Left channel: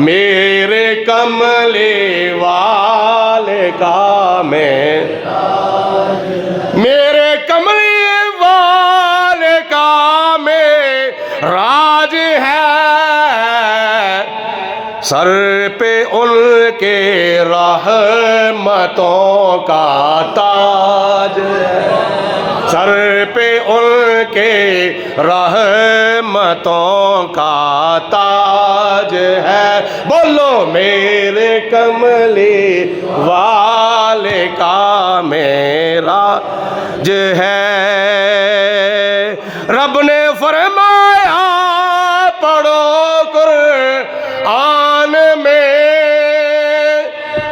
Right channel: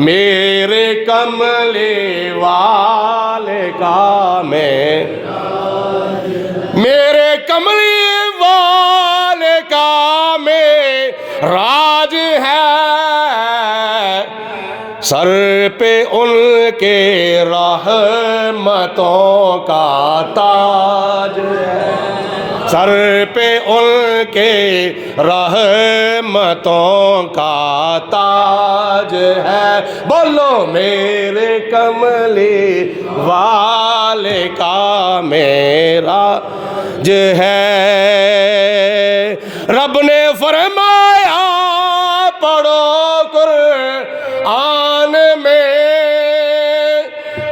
میرے کملی والے کا میرے کملی والے کا راج ہے، سر پہ ان کے رحمتوں کا تاج ہے، سر پہ ان کے رحمتوں کا تاج ہے، بولو میرے کملی والے کا میرا جو ہے۔ رب نے فرمایا پڑھو قرآن میں،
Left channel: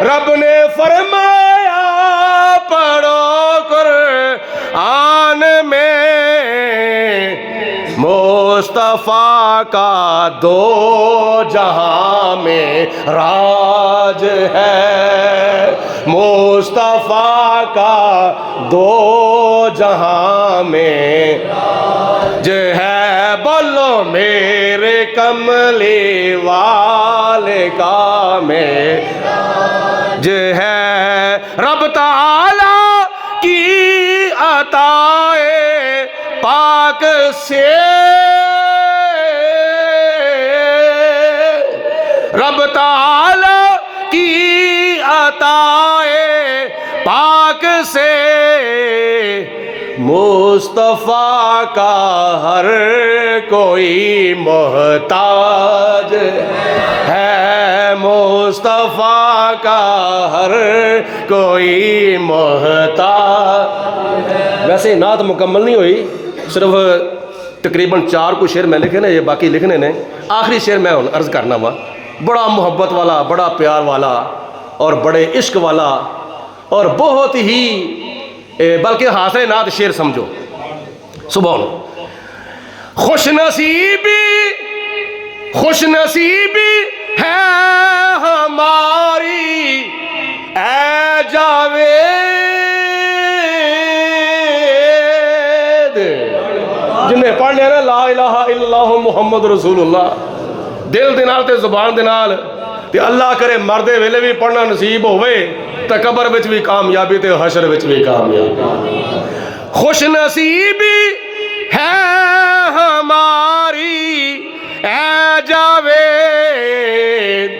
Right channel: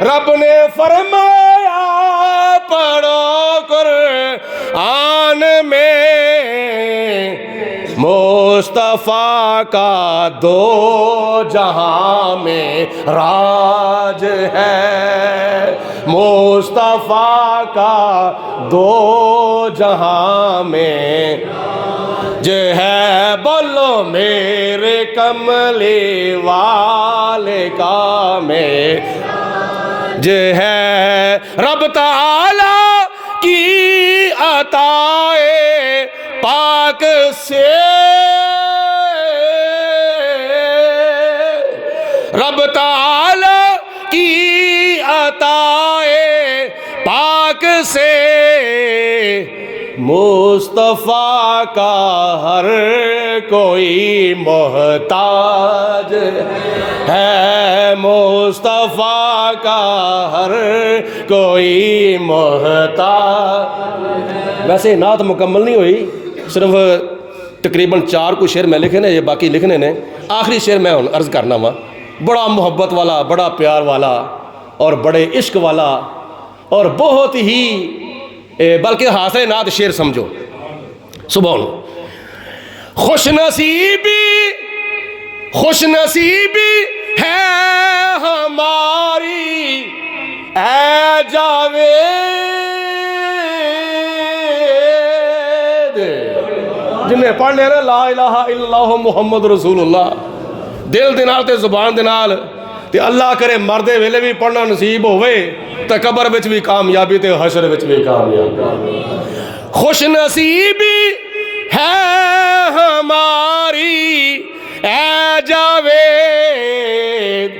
رب نے فرمایا پڑھو قرآن میں، مصطفیٰ کا دو جہاں میں راج ہے، مصطفیٰ کا دو جہاں میں جو ہے، بولو میرے کملی والے کا جو ہے۔ رب تعالی کی عطائے پاک سے، رب تعالی کی عطائے پاک سے، مصطفیٰ کا ہر کوئی محتاج ہے، مصطفیٰ کا ہر کوئی محتاج۔ ویسے نعت مکمل نہیں ہوئی، صرف تقریباً 4 کو شعر میں لکھے نا، یہ باقی لکھنے نے۔ آخری شعر میں عرض کرنا وا، بڑا محبت والا، بڑا پیار والا اور بڑے عشق والا اور بہت ہی بلکہ حاصل نعت شعر سمجھو، سبحان۔ خوش نصیبی ہے ہماری اے جاوید، جنہیں پڑھ لیا نا لا الہ الا اللہ محمد رسول اللہ دل دے نال تے زبان دے نال، تے اللہ کرے مردے ویلے بھی پڑھنا نصیب ہوئے تے قبر وچ بھی کامیابی تے حشر وچ بھی کامیابی۔ خوش نصیبی ہے ہماری اے جاوید،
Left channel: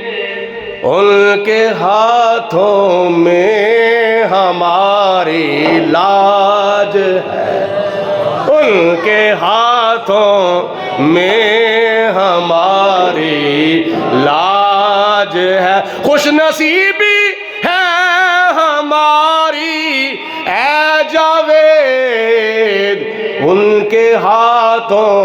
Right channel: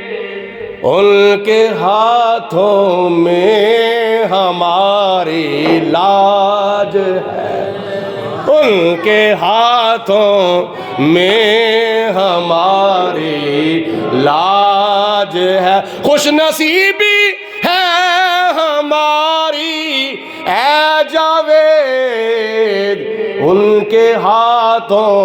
ان کے ہاتھوں میں ہماری لاج ہے، ان کے ہاتھوں میں ہماری لاج ہے۔ خوش نصیبی ہے ہماری اے جاوید، ان کے ہاتھوں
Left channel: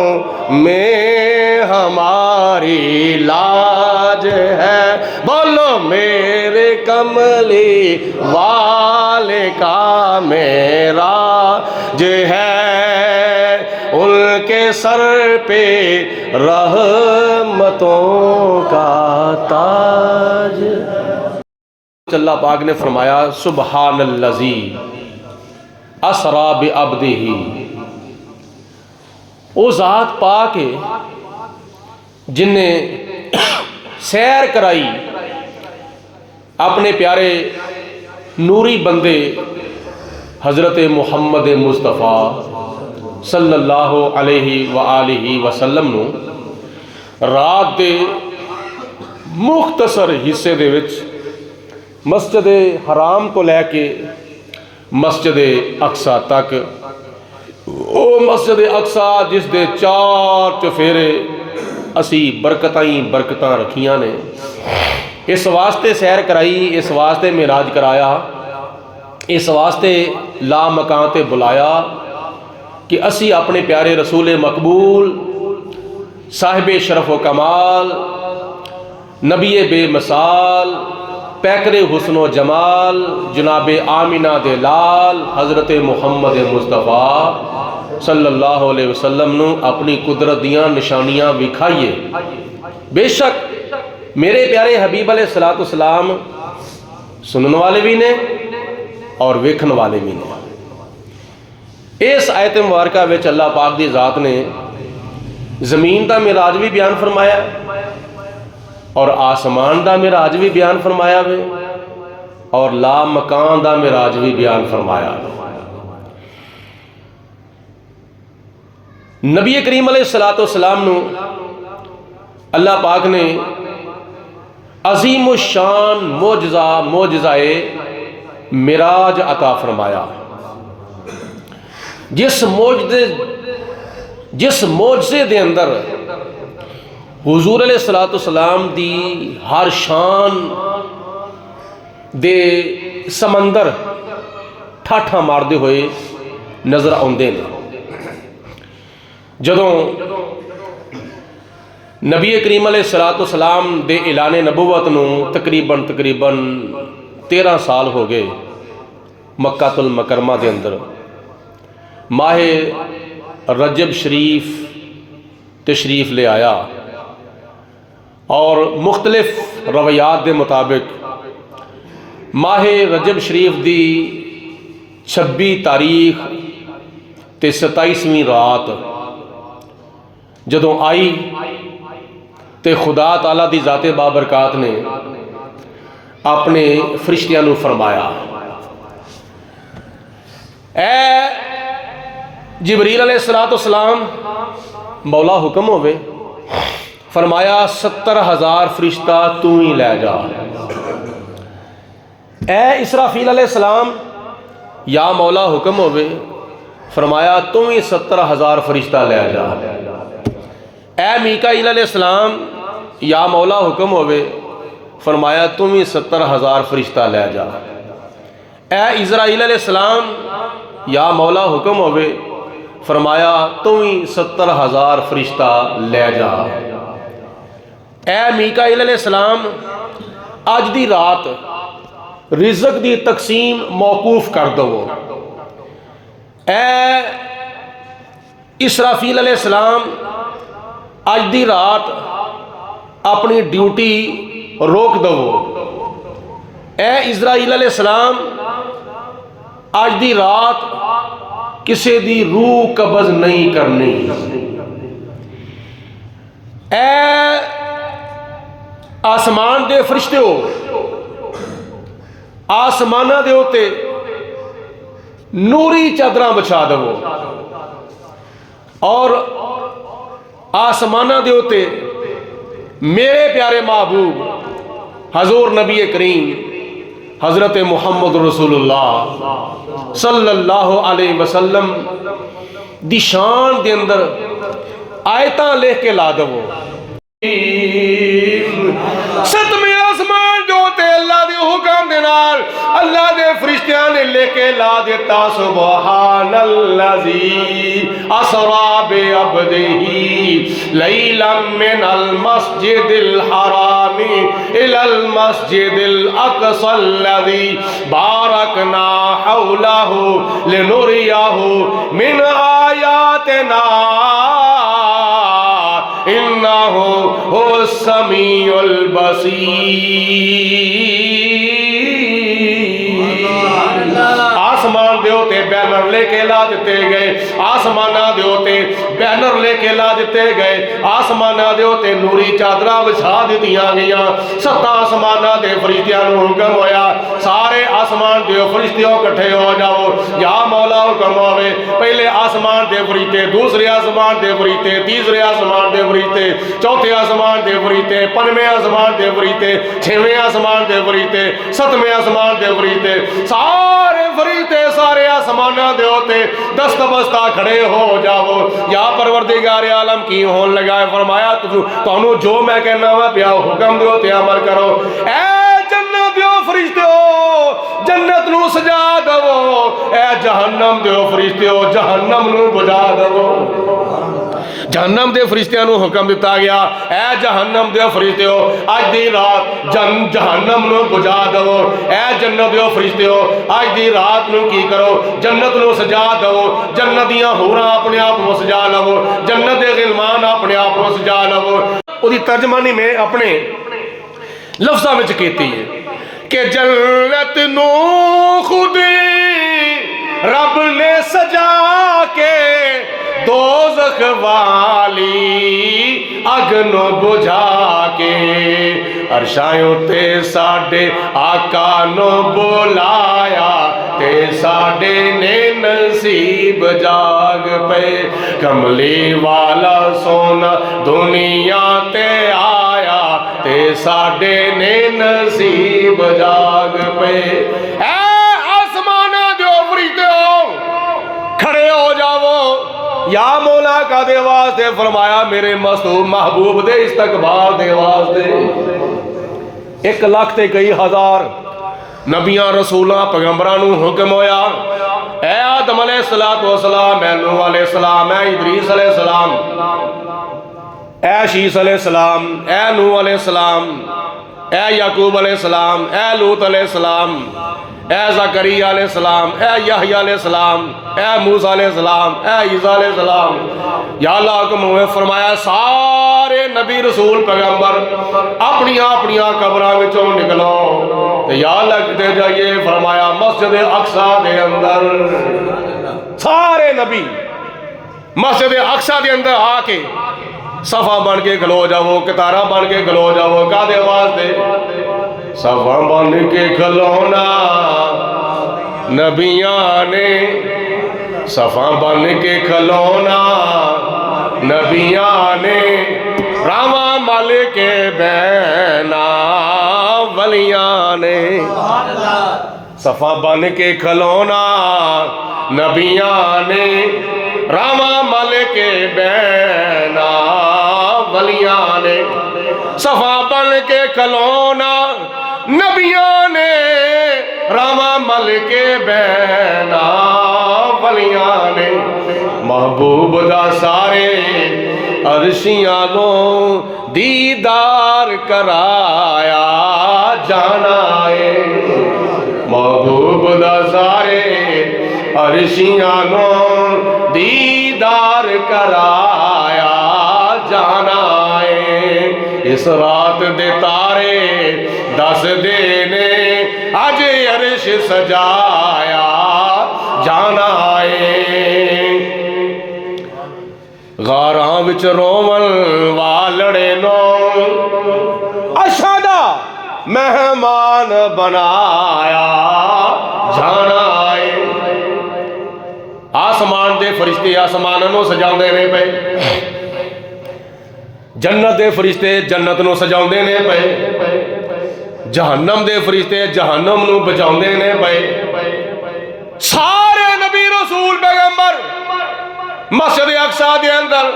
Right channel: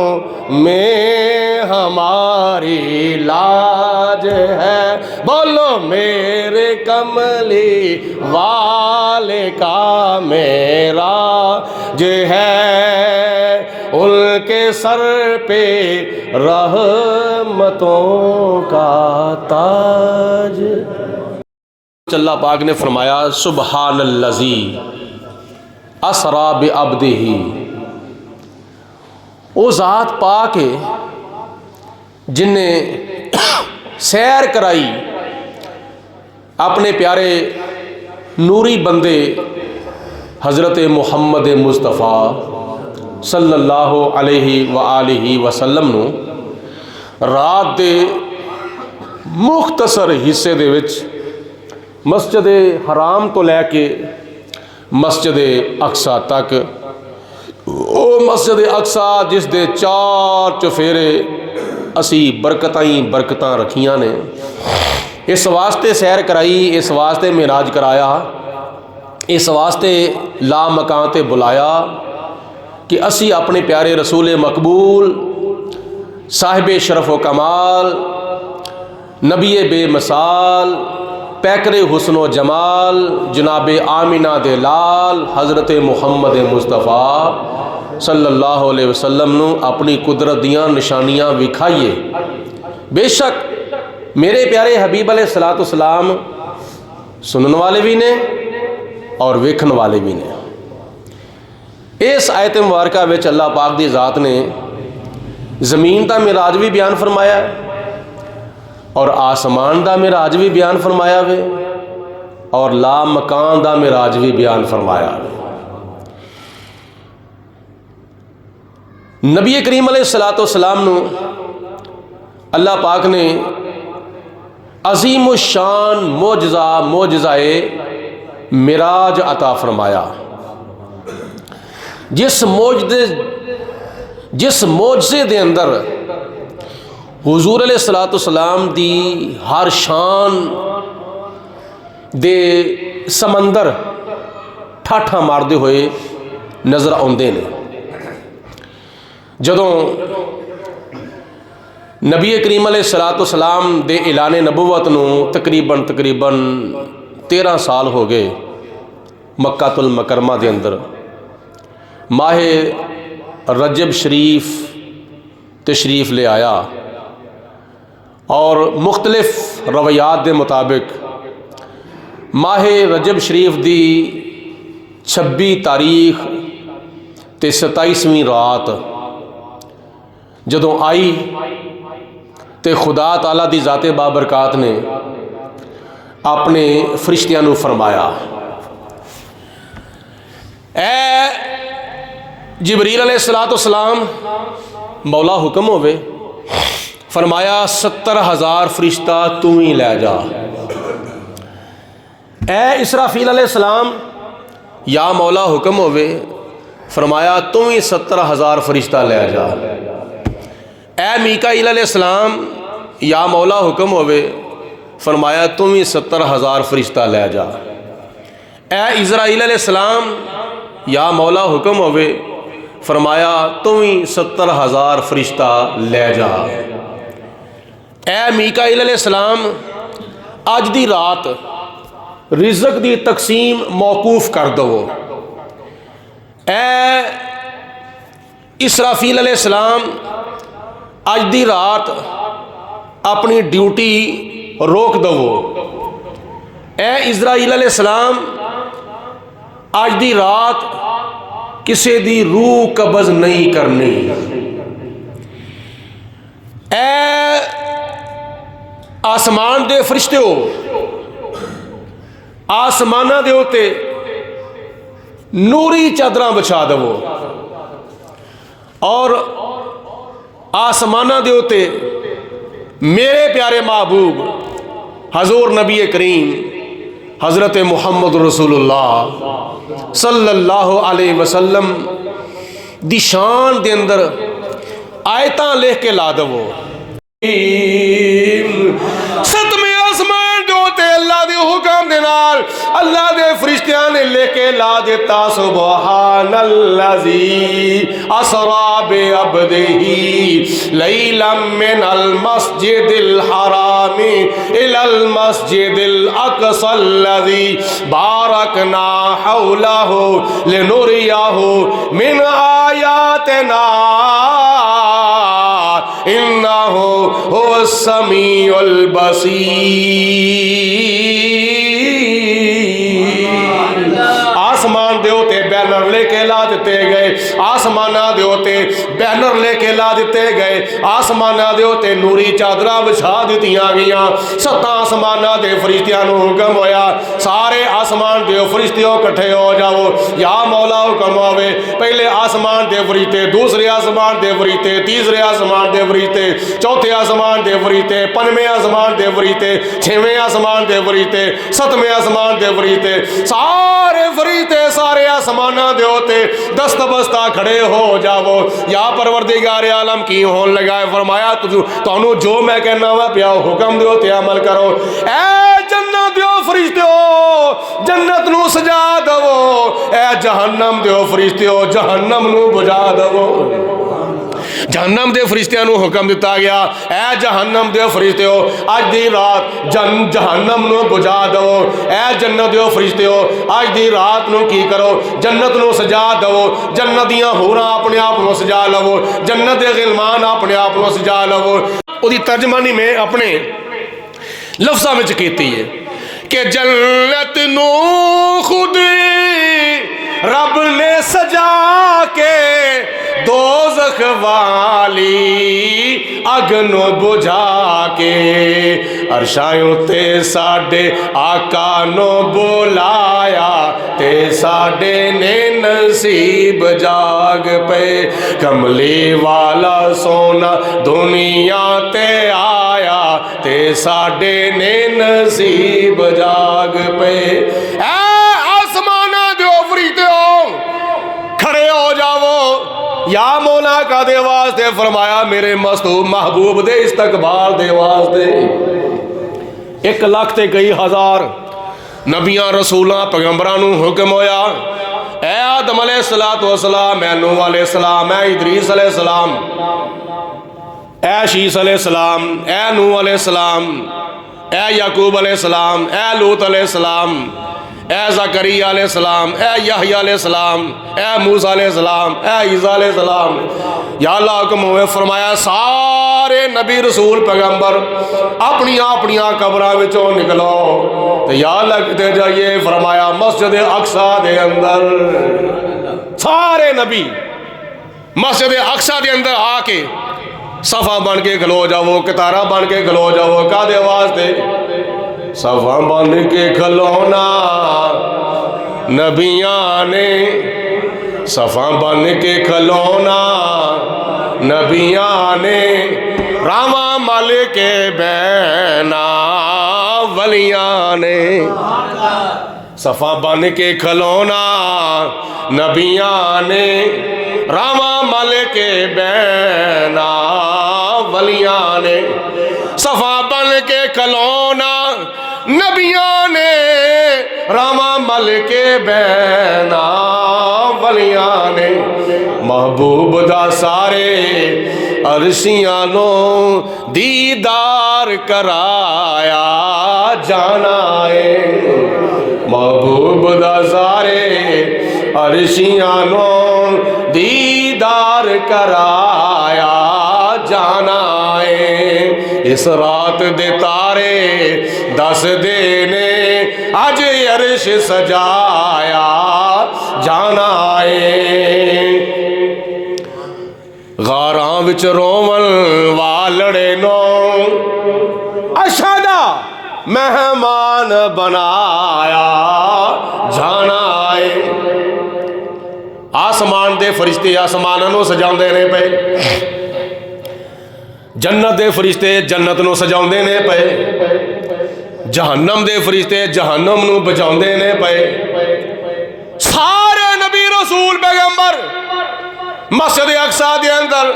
میں ہماری لاج ہے، بولو میرے کملی والے کا میرا جو ہے، ان کے سر پہ رحمتوں کا تاج۔ اللہ پاک نے فرمایا سبحان الذی اسری بعبدہ، وہ ذات پاک ہے جن نے سیر کرائی اپنے پیارے نوری بندے حضرت محمد مصطفیٰ صلی اللہ علیہ وآلہ وسلم نو رات دے مختصر حصے دے وچ مسجد حرام تو لے کے مسجد اقصی تک، او مسجد اقصی جس دے 4 چفیرے اسی برکتاں رکھیاں نے، اس واسطے سیر کرائی، اس واسطے معراج کرایا، اس واسطے لا مکان تے بلایا کہ اسی اپنے پیارے رسول مقبول صاحب شرف و کمال نبی بے مثال پیکر حسن و جمال جناب آمینہ دے لال حضرت محمد مصطفیٰ صلی اللہ علیہ وسلم نو اپنی قدرت دیاں نشانیاں وکھائیے۔ بے شک میرے پیارے حبیب علیہ السلام سنن والے بھی نے اور ویکھن والے بھی نے۔ اس آیت مبارکہ وچ اللہ پاک دی ذات نے زمین دا معراج بھی بیان فرمایا ہے، اور آسمان دا معراج بھی بیان فرمایا وے اور لا مکان دا معراج بھی بیان فرمایا وے۔ نبی کریم علیہ السلام نو اللہ پاک نے عظیم الشان معجزہ معراج عطا فرمایا، جس معجزے دے اندر حضور علیہ السلام دی ہر شان دے سمندر ٹھاٹھا ماردے ہوئے نظر آندے نے۔ جدوں نبی کریم علیہ السلام دے اعلان نبوت نو تقریباً 13 سال ہو گئے، مکہ المکرمہ دے اندر ماہ رجب شریف تشریف لے آیا، اور مختلف روایات دے مطابق ماہ رجب شریف دی 26 تاریخ تے 27ویں رات جدوں آئی تے خدا تعالیٰ دی ذات بابرکات نے اپنے فرشتیاں نو فرمایا، اے جبریل علیہ السلام مولا حکم ہوئے، فرمایا 70,000 فرشتہ تو ہی لے جا۔ اے اسرافیل علیہ السلام یا مولا حکم ہوئے، فرمایا تو ہی 70,000 فرشتہ لے جا۔ اے میکائیل علیہ السلام یا مولا حکم ہوئے، فرمایا تم ہی 70,000 فرشتہ لے جا۔ اے اسرائیل علیہ السلام یا مولا حکم ہوئے، فرمایا تم ہی 70,000 فرشتہ لے جا۔ اے میکائیل علیہ السلام اج دی رات رزق دی تقسیم موقوف کر دو۔ اے اسرافیل علیہ السلام اج دی رات اپنی ڈیوٹی روک دو۔ اے اسرائیل علیہ السلام اج دی رات کسی دی روح قبض نہیں کرنی۔ اے آسمان دے فرشتے ہو، آسمانہ دے ہوتے نوری چادراں بچھا دو، اور آسمانہ دے ہوتے میرے پیارے محبوب حضور نبی کریم حضرت محمد رسول اللہ صلی اللہ علیہ وسلم دی شان دے اندر آیتاں لکھ کے لا دو۔ ستویں آسمان جو تے اللہ دے حکم دے نال اللہ دے فرشتیاں نے لے کے لا دیتا، سبحان الذی اسری بعبدہ لیلا من المسجد الحرام الی المسجد الاقصی الذی بارکنا حولہ لنریہ من آیاتنا انہ هو السمیع البصیر۔ آسمان دے ہوتے بینر لے کے لا دیتے گئے، آسمانہ دے ہوتے بینر لے کے لا دیتے گئے، آسمانہ دے ہوتے نوری چادرہ بچھا دیتیاں گیاں۔ 7 آسمانہ دے فرشتیاں نو حکم ہویا، سارے آسمان دے فرشتیوں کٹھے ہو جاؤ، یا مولا حکم ہوئے، پہلے آسمان دے فرشتے، دوسرے آسمان دے فرشتے، تیسرے آسمان دے فرشتے، چوتھے آسمان دے فرشتے، 5ویں آسمان دے فرشتے، 6ویں آسمان دے فرشتے، 7ویں آسمان دے فرشتے، سارے فرشتے سارے آسمانہ دے ہوتے دست بستہ کھڑے ہو جاؤ، یا پروردگار عالم کی ہون لگا، فرمایا تانوں جو میں کہنا ہوا پیا حکم دے ہوتے عمل کرو۔ اے جنت دیو فرشتے ہو جنت نو سجا دو، اے جہنم دیو فرشتے ہو جہنم نو بجا دو۔ جہنم دے فرشتیاں نو حکم دیتا گیا، اے جہنم دے فرشتے ہو آج دی رات جہنم نو بجا دو، اے جنت دے فرشتے ہو آج دی رات نو کی کرو جنت نو سجا دو، جنت دیاں حوراں اپنے آپ نو سجا لو، جنت دے غلمان اپنے آپ نو سجا لو۔ دی ترجمانی میں اپنے لفظاں وچ کیتی ہے کہ جنت نو خود رب نے سجا کے دوزخ والی اگ نو بجھا کے عرشاں تے ساڈے آقا نو بلایا تے ساڈے نے نصیب جاگ پے کملی والا سونا دنیا تے آیا تے ساڈے نے نصیب جاگ پے اے آسمانہ دیو فریدیو کھڑے ہو جاؤ یا مولا کا دے واسطے فرمایا میرے مستوب محبوب دے استقبال دے واسطے 1 لاکھ تے کئی ہزار نبیاں رسولاں پیغمبراں نو حکم ہویا اے آدم علیہ السلام اے نوح علیہ السلام اے ادریس علیہ السلام اے شیس علیہ السلام اے نوح علیہ السلام اے یعقوب علیہ السلام اے لوط علیہ السلام اے زکریا علیہ السلام اے یحییٰ علیہ السلام اے موسیٰ علیہ السلام اے عیسیٰ علیہ السلام یا اللہ حکم ہوئے فرمایا سارے نبی رسول پیغمبر اپنیاں قبراں وچوں نکلو تو یا اللہ کتے جائیے فرمایا مسجد اقصیٰ دے اندر سارے نبی مسجد اقصیٰ دے اندر آ کے صفا بن کے کھلو جاؤ کتارہ بن کے کھلو جاؤ کا دے واسطے صفا بن کے کھلونا نبیاں نے صفا بن کے کھلونا نبیاں نے راواں مل کے بہنا ولیاں نے صفا بن کے کھلونا نبیاں نے راواں مل کے بہنا ولیاں نے صفا بن کے کھلونا نبیوں نے راواں مل کے بہنا ولیاں نے محبوب دا سارے عرشیاں نو دیدار کرایا جانا ہے محبوب دا سارے عرشیاں نو دیدار کرایا جانا ہے اس رات دے تارے دس دینے اج عرش سجایا جانا ہے غاراں وچ روون والڑے نو اشہدا مہمان بنایا جانا ہے آسمان دے فرشتے آسماناں نو سجاؤندے نے پے جنت دے فرشتے جنت نو سجاؤندے نے پے جہنم دے فرشتے جہنم نو بچاؤندے نے پے سارے نبی رسول پیغمبر مسجد اقصیٰ دے اندر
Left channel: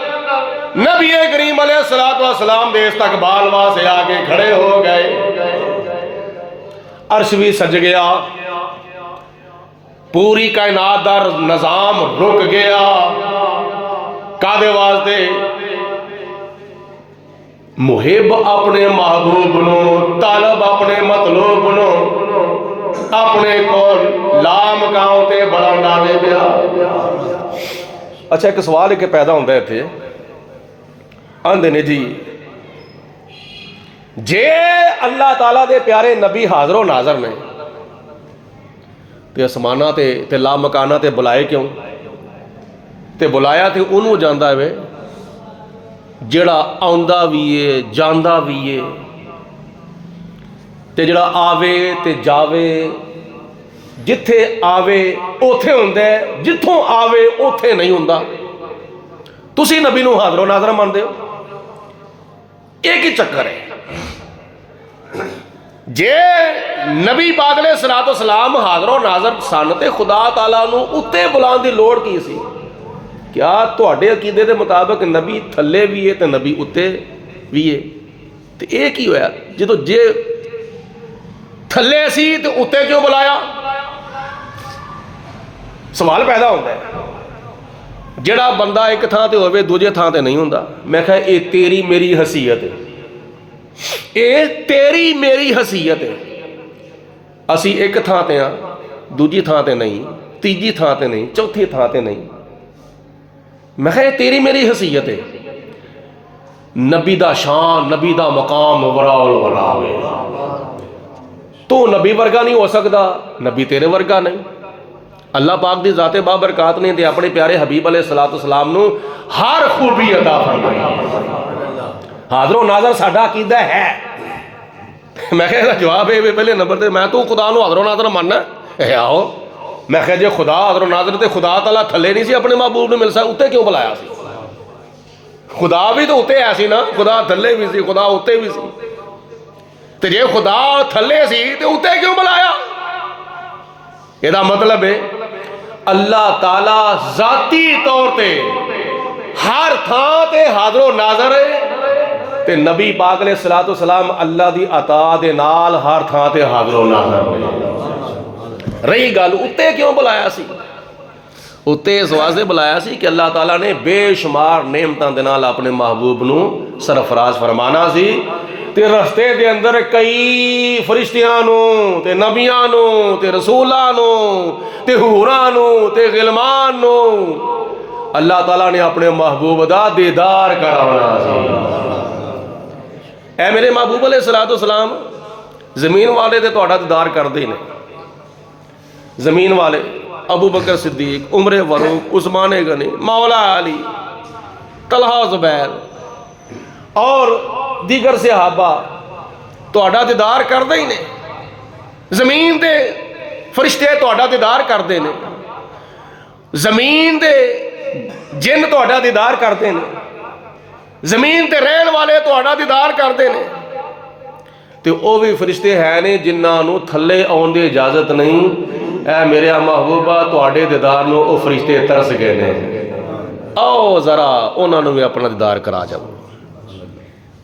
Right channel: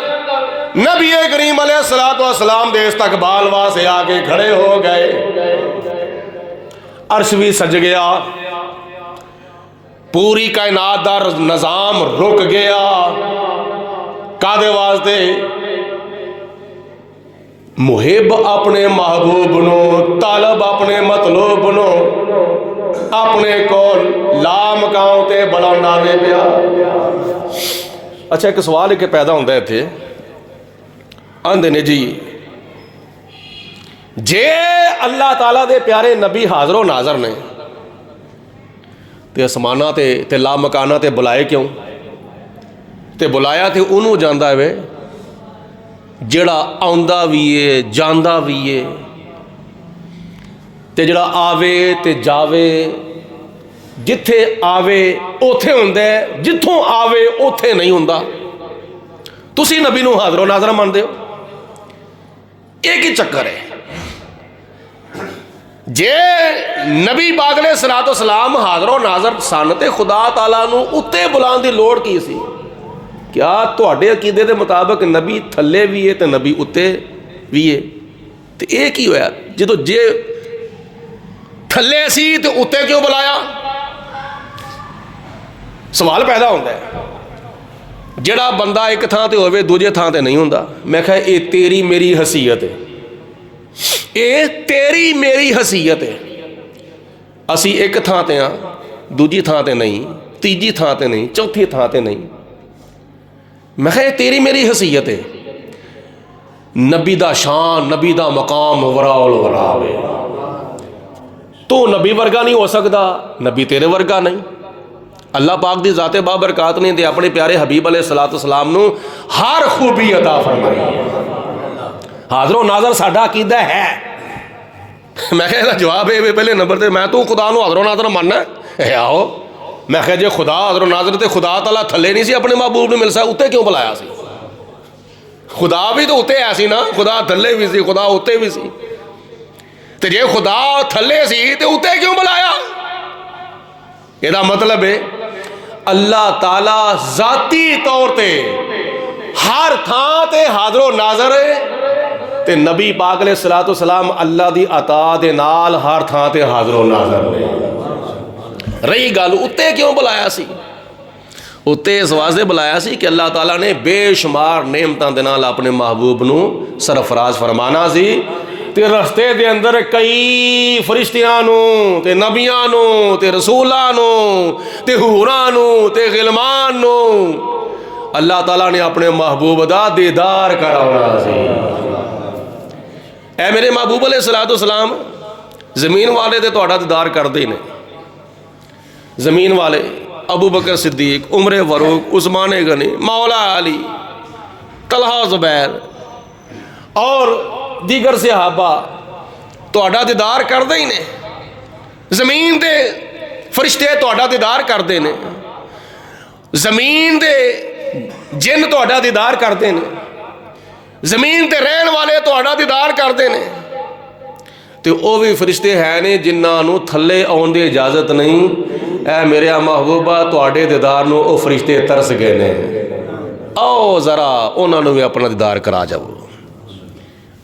نبی کریم علیہ السلام دے استقبال واسطے آگے کھڑے ہو گئے عرش بھی سج گیا پوری کائنات دا نظام رک گیا کادے واسطے محب اپنے محبوب نو طالب اپنے مطلوب نو اپنے کول لامکاؤں تے بلاندا دے پیا اچھا ایک سوال ایک پیدا ہوندہ ہے تھے آندے نے جی جے اللہ تعالیٰ دے پیارے نبی حاضر و ناظر نے تے اسمانہ تے لامکانہ تے بلائے کیوں تے بلایا تے انہوں جاندہ ہے جڑا آندہ ویے جاندہ ویے تے جڑا آوے تے جاوے جتھے آوے اوتھے ہوندے جتھوں آوے اوتھے نہیں ہوندہ تسی نبی نو حاضر و ناظر مان دے ہو ایک ہی چکر ہے جے نبی پاک علیہ السلام حاضر و ناظر سانتے خدا تعالیٰ نو اتے بلان دی لوڑ کی سی کیا تواڈے عقیدے دے مطابق نبی تھلے بھی ہے تے نبی اتے بھی ہے تے ایک ہی ہویا جدو جے تھلے سی تے اتے کیوں بلایا سوال پیدا ہوتا ہے جڑا بندہ ایک تھان تے ہوئے دوجے تھان تے نہیں ہوندہ میں کہا اے تیری میری حیثیت ہے اے تیری میری حیثیت ہے اسی ایک تھان تے ہیں دوجی تھان تے نہیں تیجی تھان تے نہیں چوتھی تھان تے نہیں میں کہا اے تیری میری حیثیت ہے نبی دا شان نبی دا مقام وراء الورا تو نبی ورگا نہیں ہو سکتا نبی تیرے ورگا نہیں اللہ پاک دی ذات بابرکات نے اپنے پیارے حبیب علیہ السلام نو ہر خوبی عطا فرمائی. حاضر و ناظر ساڈا عقیدہ ہے. میں کہا جواب ہے پہلے نمبر تے میں تو خدا نو حاضر و ناظر ماننا ہے. آؤ میں کہا جی خدا حاضر و ناظر تے خدا تعالیٰ تھلے نہیں سی اپنے محبوب نو مل سکتا اتنے کیوں بلایا سی؟ خدا بھی تو اتنے ہے سی نا, خدا تھلے بھی سی خدا اتنے بھی سی. تے جے خدا تھلے سی تے اتنے کیوں بلایا؟ یہ مطلب ہے اللہ تعالیٰ ذاتی طور تے ہر تھان تے حاضر و ناظر ہے تے نبی پاک علیہ السلام اللہ دی عطا دے نال ہر تھان تے حاضر و ناظر ہے. رہی گل اتے کیوں بلایا سی؟ اتے اس واسطے بلایا سی کہ اللہ تعالیٰ نے بے شمار نعمتاں دے نال اپنے محبوب نو سرفراز فرمانا سی. تے رستے دے اندر کئی فرشتیاں نو تے نبیاں نو تے رسولاں نو تے حوراں نو تے غلمان نو اللہ تعالیٰ نے اپنے محبوب دا دیدار کرانا سی. اے میرے محبوب علیہ السلام زمین والے تے تہاڈا دیدار کردے نے. زمین والے ابو بکر صدیق, عمر فاروق, عثمان غنی, مولا علی, طلحہ زبیر اور دیگر صحابہ تہاڈا دیدار کردے ہی نے. زمین دے فرشتے تہاڈا دیدار کردے نے. زمین دے جن تہاڈا دیدار کردے نے. زمین تے رہن والے تہاڈا دیدار کردے نے. تے او بھی فرشتے ہیں نے جنہاں نو تھلے آن دی اجازت نہیں. اے میرے محبوبہ تہاڈے دیدار نو او فرشتے ترس گئے نے. آؤ ذرا انہاں نو بھی اپنا دیدار کرا جاؤ.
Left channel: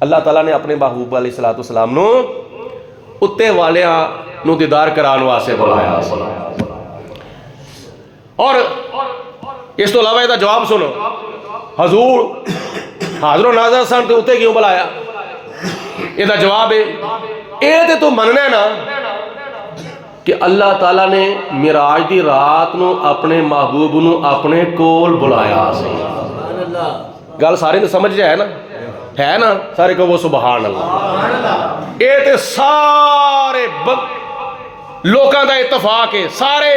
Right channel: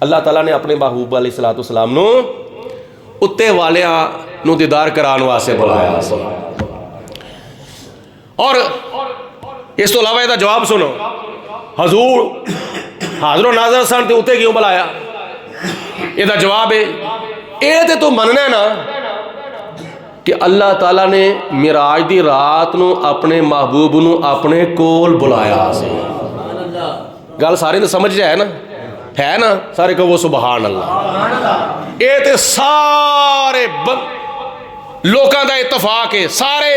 اللہ تعالیٰ نے اپنے محبوب علیہ السلام نو اتے والیاں نو دیدار کران واسطے بلایا. اور اس تو علاوہ یہ جواب سنو, حضور حاضر و ناظر سن تے اتے کیوں بلایا؟ یہ جواب ہے یہ تے تو مننا نا کہ اللہ تعالیٰ نے معراج دی رات نو اپنے محبوب نو اپنے کول بلایا سے. گل سارے تے سمجھ جائے نا, ہے نا سارے کہو سبحان اللہ. یہ تے سارے لوکاں دا اتفاق ہے, سارے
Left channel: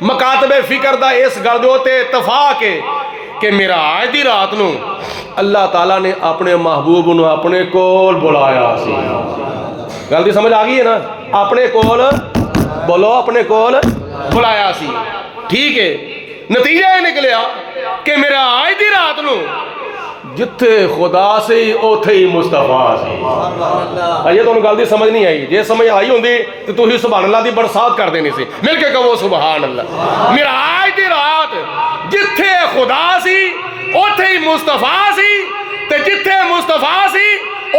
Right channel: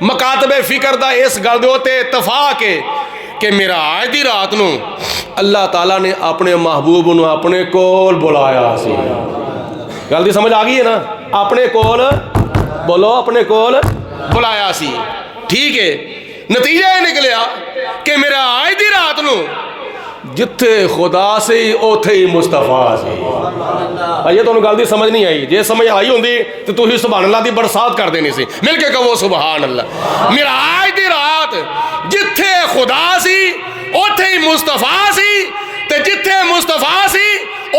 مکاتب فکر دا اس گل دے تے اتفاق ہے کہ معراج دی رات نو اللہ تعالیٰ نے اپنے محبوب نو اپنے کول بلایا سی. گل دی سمجھ آ گئی ہے نا؟ اپنے کول بولو, اپنے کول بلایا سی. ٹھیک ہے, نتیجہ یہ نکلیا کہ معراج دی رات نو جتھے خدا سے اوتھے ہی مصطفیٰ سے. یہ تو گل دی سمجھ نہیں آئی. جے سمجھ آئی ہوندی تو تسی سبحان اللہ دی برسات کر دینی سی. مل کے کہو سبحان اللہ. معراج دی رات جتھے خدا سی اوتھے ہی مصطفیٰ سی, تے جتھے مصطفیٰ سی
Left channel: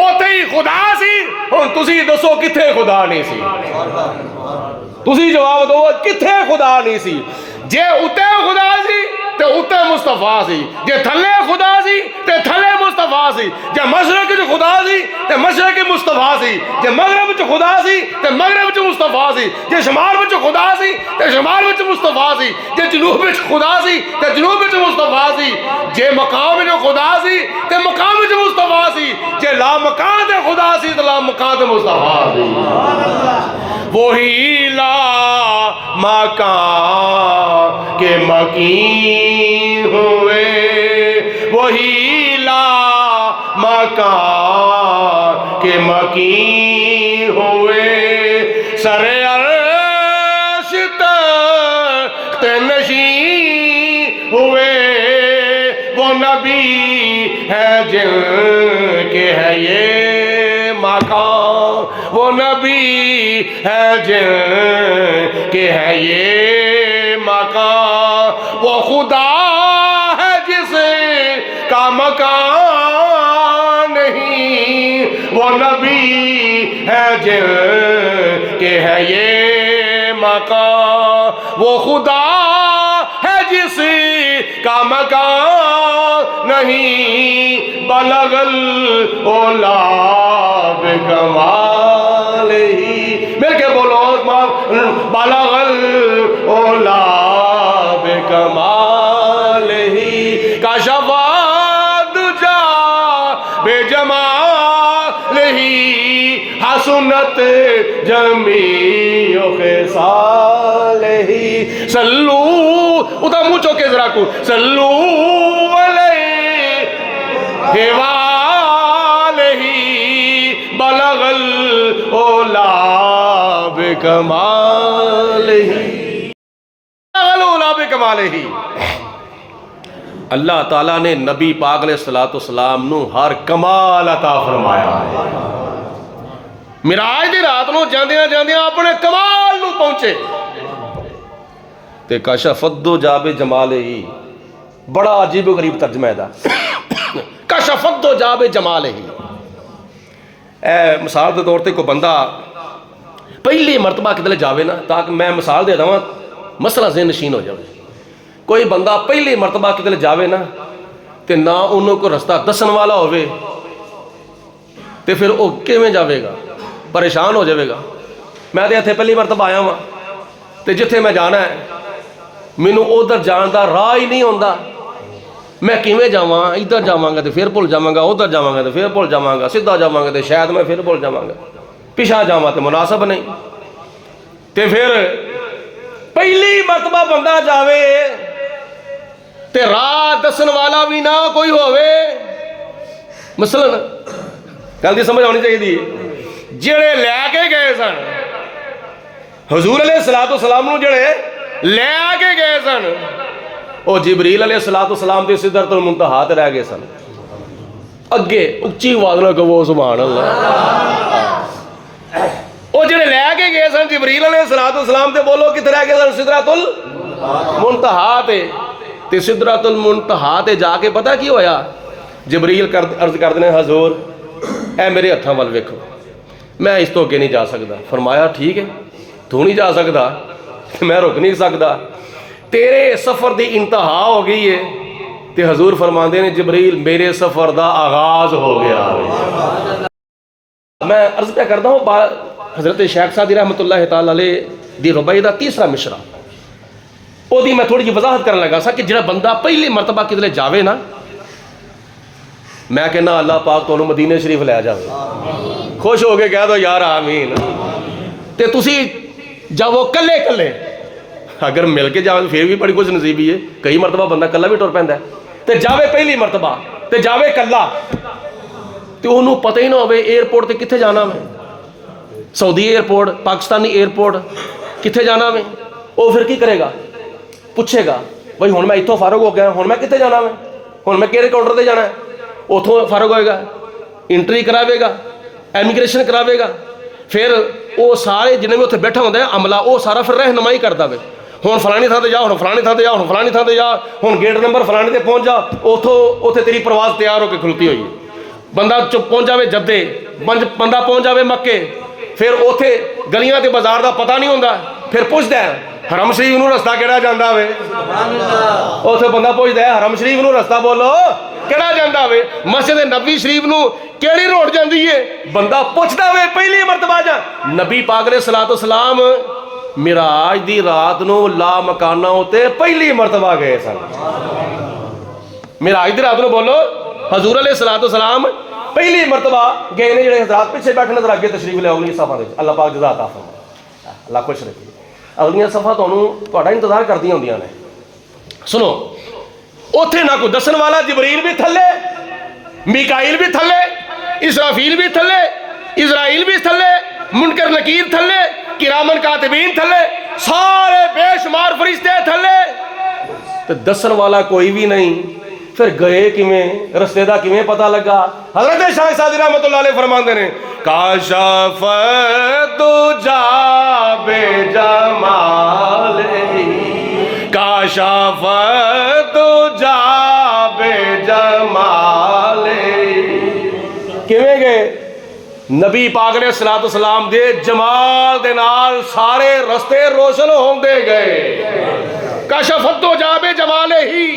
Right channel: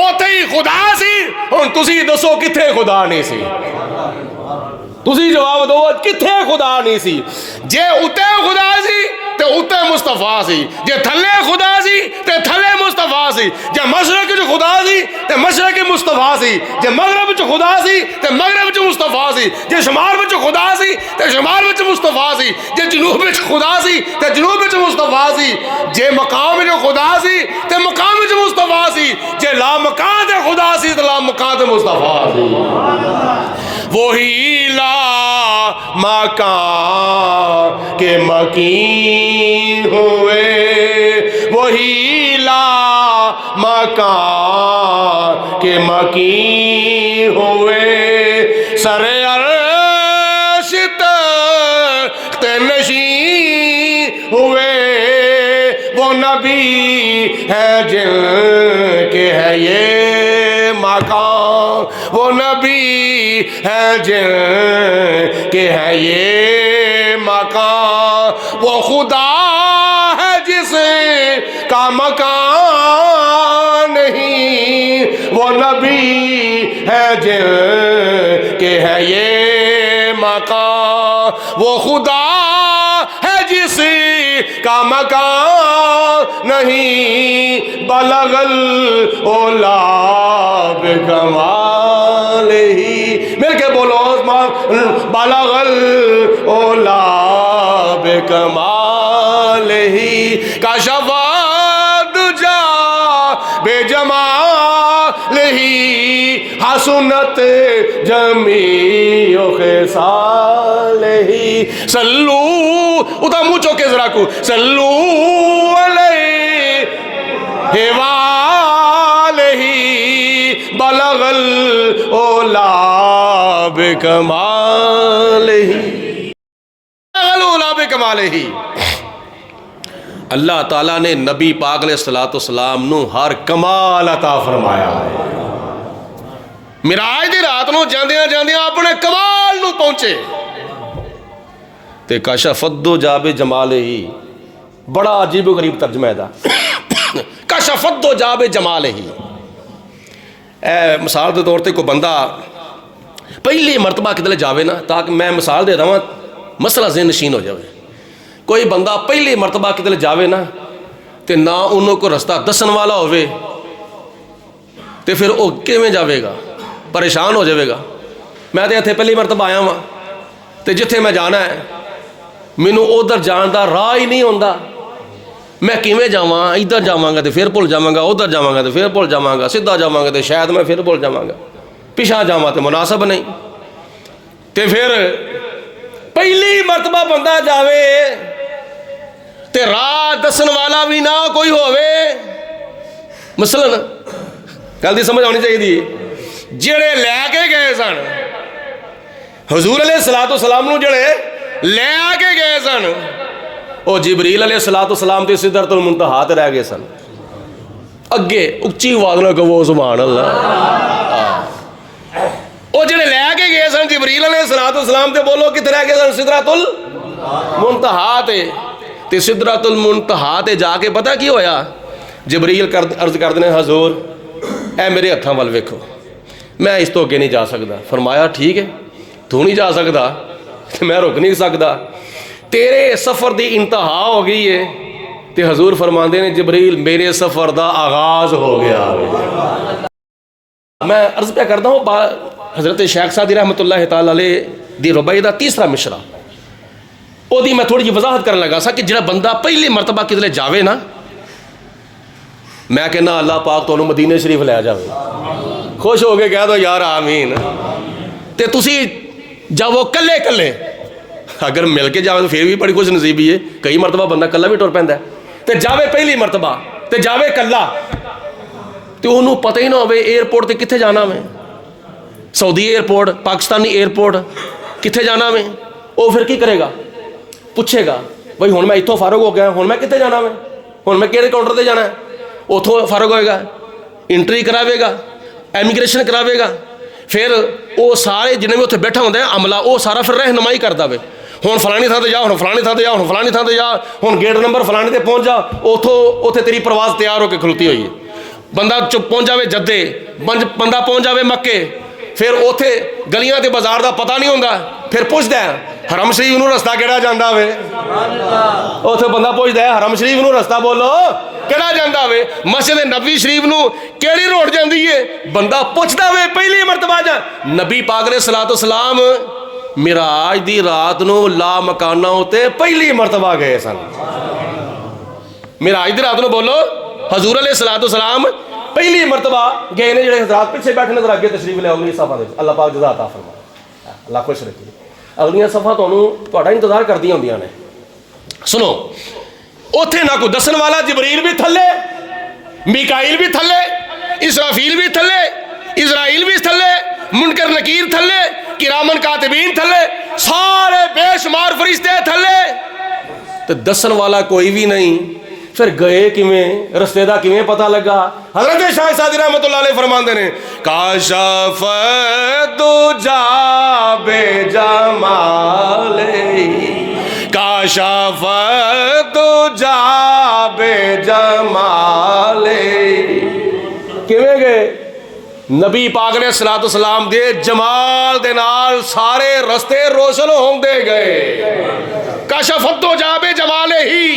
اوتھے ہی خدا سی. ہن تسی دسو کتھے خدا نہیں سی؟ تسی جواب دو کتھے خدا نہیں سی؟ جے اتے خدا سی تے اتے مصطفیٰ سی, جے تھلے خدا سی تے تھلے مصطفیٰ سی, جے مشرق چ خدا سی تے مشرق مصطفیٰ سی, جے مغرب چ خدا سی تے مغرب چ مصطفیٰ سی, جے شمال وچ خدا سی تے شمال وچ مصطفیٰ سی, جے جنوب وچ خدا سی تے جنوب وچ مصطفیٰ سی, جے مقام وچ خدا سی تے مقام وچ مصطفیٰ سی, جے لا مکان تے خدا سی تے لا مکان تے مصطفیٰ سی. وہی لا مکان کے مکین ہوئے, وہی لا مکان کے مکین ہوئے, سر عرش تخت نشین ہوئے. وہ نبی ہے جن کے ہے یہ مقام, وہ نبی ہے جن کے ہے یہ مقام, وہ خدا ہے جس کا مکان نہیں, وہ نبی ہے جن کے ہے یہ مقام, وہ خدا ہے جس کا مکان نہیں, بلغ العلا بکمال ہی. مل کے بولو بلغ العلا بکمال ہی, کشف الدجا بجمال ہی, حسنت جمیع خصالہ صلو اتا منہ چوکے ذرا کو صلو علیہ وآلہ بلغ العلا بکمالہ ہی۔ اللہ تعالیٰ نے نبی پاک علیہ السلام نو ہر کمال عطا فرمایا ہے۔ معراج دی رات نو جاندیاں جاندیاں اپنے کمال نو پہنچے تے کشفت جاب جمال ہی، بڑا عجیب و غریب ترجمہ ہے دا کشفت جاب جمال ہی۔ اے مثال دے طور تے کوئی بندہ پہلی مرتبہ کدھر جاوے نا، تاکہ میں مثال دے رہا ہوں مسئلہ ذہن نشین ہو جاوے۔ کوئی بندہ پہلی مرتبہ کدھر جاوے نا تے نہ انہوں کو رستہ دسن والا ہوئے تے پھر وہ کیویں جاوے گا، پریشان ہو جاوے گا۔ میں تے اتھے پہلی مرتبہ آیا ہوں تے جتھے میں جانا ہے مینوں ادھر جان دا راہ ہی نہیں ہوندا، میں کیویں جاواں، ادھر جاواں گا تے پھر بھول جاواں گا، ادھر جاواں گا تے پھر بھول جاواں گا، سیدھا جاواں گا تے شاید میں پھر بھول جاواں گا، پیچھے جاواں تے مناسب نہیں۔ تے پھر پہلی مرتبہ بندہ جاوے تے راہ دسن والا بھی نہ کوئی ہوئے، مثلا گل دی سمجھ آنی چاہیے دی، جڑے لے کے گئے سن حضور علیہ السلام نو، جڑے لے کے گئے سن وہ جبریل علیہ السلام تے سدرۃ المنتہا تے رہ گئے سن۔ اگے اچھی آواز نہ کہو سبحان اللہ۔ وہ جڑے لے کے گئے سن جبریل علیہ السلام تے بولو کتنے رہ گئے سن؟ سدرۃ المنتہا تے سدرۃ المنتہا تے جا کے پتہ کی ہویا؟ جبریل عرض کر دینے حضور اے میرے ہتھاں ول ویکھو، میں اس تو اگے نہیں جا سکتا۔ فرمایا ٹھیک ہے، تو نہیں جا سکتا میں رک نہیں سکتا، تیرے سفر دی انتہا ہو گئی ہے۔ تے حضور فرماندے نے جبریل میرے سفر دا آغاز ہو گیا۔ میں عرض پہ کرتا ہوں حضرت شیخ سعدی رحمۃ اللہ تعالی علیہ دی ربائی دا تیسرا مشرا، او دی میں تھوڑی جی وضاحت کرنے لگا سا کہ جڑا بندہ پہلی مرتبہ کدھر جاوے نا، میں کہنا اللہ پاک تو مدینے شریف لے جاوے، خوش ہو کے کہہ دو یار آمین۔ تے تسی جاؤ کلے کلے، اگر مل کے جاوے تو پھر بھی بڑی خوش نصیبی ہے، کئی مرتبہ بندہ کلا بھی ٹر پیندا ہے، تے جاوے پہلی مرتبہ تے جاوے کلا تے انہوں پتہ ہی نہ ہوئے ایئرپورٹ تے کتھے جانا میں، سعودی ایئرپورٹ، پاکستانی ایئرپورٹ کتھے جانا میں، وہ پھر کی کرے گا؟ پوچھے گا بھائی ہن میں اتھوں فارغ ہو گیا، ہن میں کتھے جانا میں، ہن میں کہڑے کاؤنٹر تے جانا ہے؟ اتھوں فارغ ہوئے گا، انٹری کراوے گا، ایمیگریشن کراوے گا، پھر وہ سارے جنہیں بھی اتنے بیٹھا ہوتا ہے عملہ وہ سارا پھر رہنمائی کرتا ہے، ہن فلانی تھاں تے جا، ہن فلانی تھاں تے جا، ہن فلانی تھاں تے جا، ہن گیٹ نمبر فلانی تے پہنچ جا، اتھے تیری پرواز تیار ہو کے کھلتی ہوئی ہے۔ بندہ پہنچ جاوے جدے، بندہ پہنچ جاوے مکے، پھر اتھے گلیاں تے بازار دا پتہ نہیں ہوندا، پھر پوچھدا ہے حرم شریف نو رستہ کیڑا جاندا ہوئے، اتھے بندہ پوچھدا ہے حرم شریف نو رستہ بولو کیڑا جاندا ہوئے، مسجد نبوی شریف نو کیڑی روڈ جاندی ہے، بندہ پوچھدا ہوئے پہلی مرتبہ جا۔ نبی پاک علیہ السلام معراج دی رات نو لا مکانہ ہوتے پہلی مرتبہ گئے سن، معراج دی رات نو بولو حضور علیہ السلام پہلی مرتبہ گئے نے، جڑے حضرات پیچھے بیٹھے نظر آگے تشریف لے اگلی صفحہ دے، اللہ پاک جزا عطا فرمائے، اللہ خوش رکھے۔ اگلیاں صفحہ تہاڈا انتظار کردیاں ہوندیاں نے۔ سنو اوتھے نہ کوئی دسن والا، جبریل بھی تھلے، میکائیل بھی تھلے، اسرافیل بھی تھلے، اسرائیل بھی تھلے، منکر نکیر تھلے، کرامن کاتبین تھلے، سارے بے شمار فرشتے تھلے، تو دسن والا کوئی بھی نہیں۔ پھر گئے کیویں، رستے دا کیویں پتہ لگا؟ حضرت شاہ سعدی رحمۃ اللہ علیہ فرماندے نے کاشف دجا بے جمال، کاشف دجا بے جمال۔ کیویں گئے؟ نبی پاک علیہ السلام دے جمال دے نال سارے رستے روشن ہوندے گئے۔ کاشف دجا بے جمال ہی،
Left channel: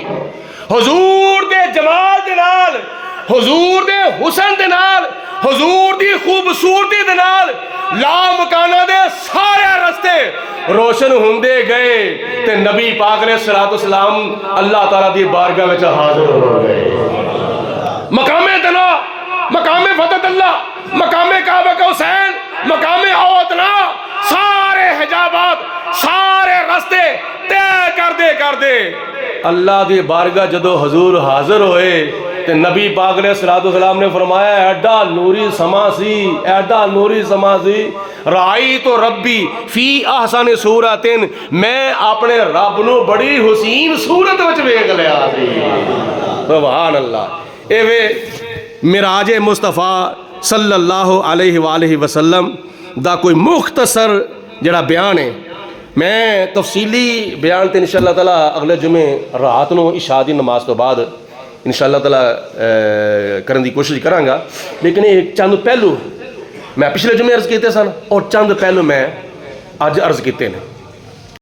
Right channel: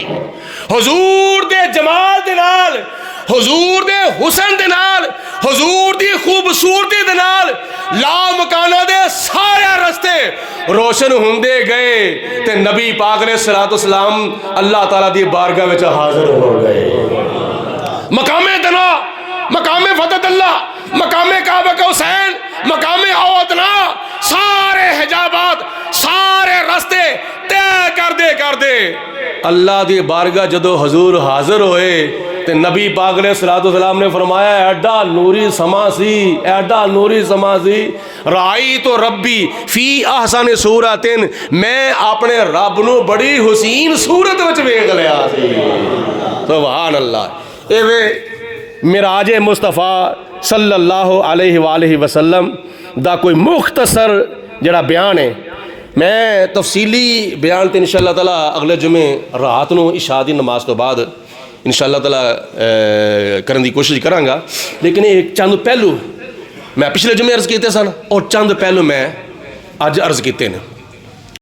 حضور دے جمال دے نال، حضور دے حسن دے نال، حضور دی خوبصورتی دے نال لامکانہ دے سارے رستے روشن ہوندے گئے، تے نبی پاک علیہ السلام اللہ تعالیٰ دی بارگاہ وچ حاضر ہو گئے۔ مقام دنا، مقام فتح اللہ، مقام کعبہ کا حسین، اللہ دی بارگاہ جدو حضور حاضر ہوئے تو نبی پاک علیہ السلام نے فرمایا ایڈا نوری سما سی، ایڈا نوری سما سی، رائی تو ربی فی احسن صورت، میں اپنے رب نو بڑی حسین صورت وچ ویکھ لیا سی۔ سبحان اللہ۔ اے وے معراج مصطفیٰ صلی اللہ علیہ وآلہ وسلم دا کوئی مختصر جڑا بیان ہے، میں تفصیلی بیان تے انشاءاللہ تعالیٰ اگلے جمعے رات نو عشاء دی نماز تو بعد انشاءاللہ تعالیٰ کرن دی کوشش کراں گا، لیکن ایک چند پہلو میں پچھلے جمعے عرض کیتے سن اور چند پہلو میں اج عرض کیتے ہیں۔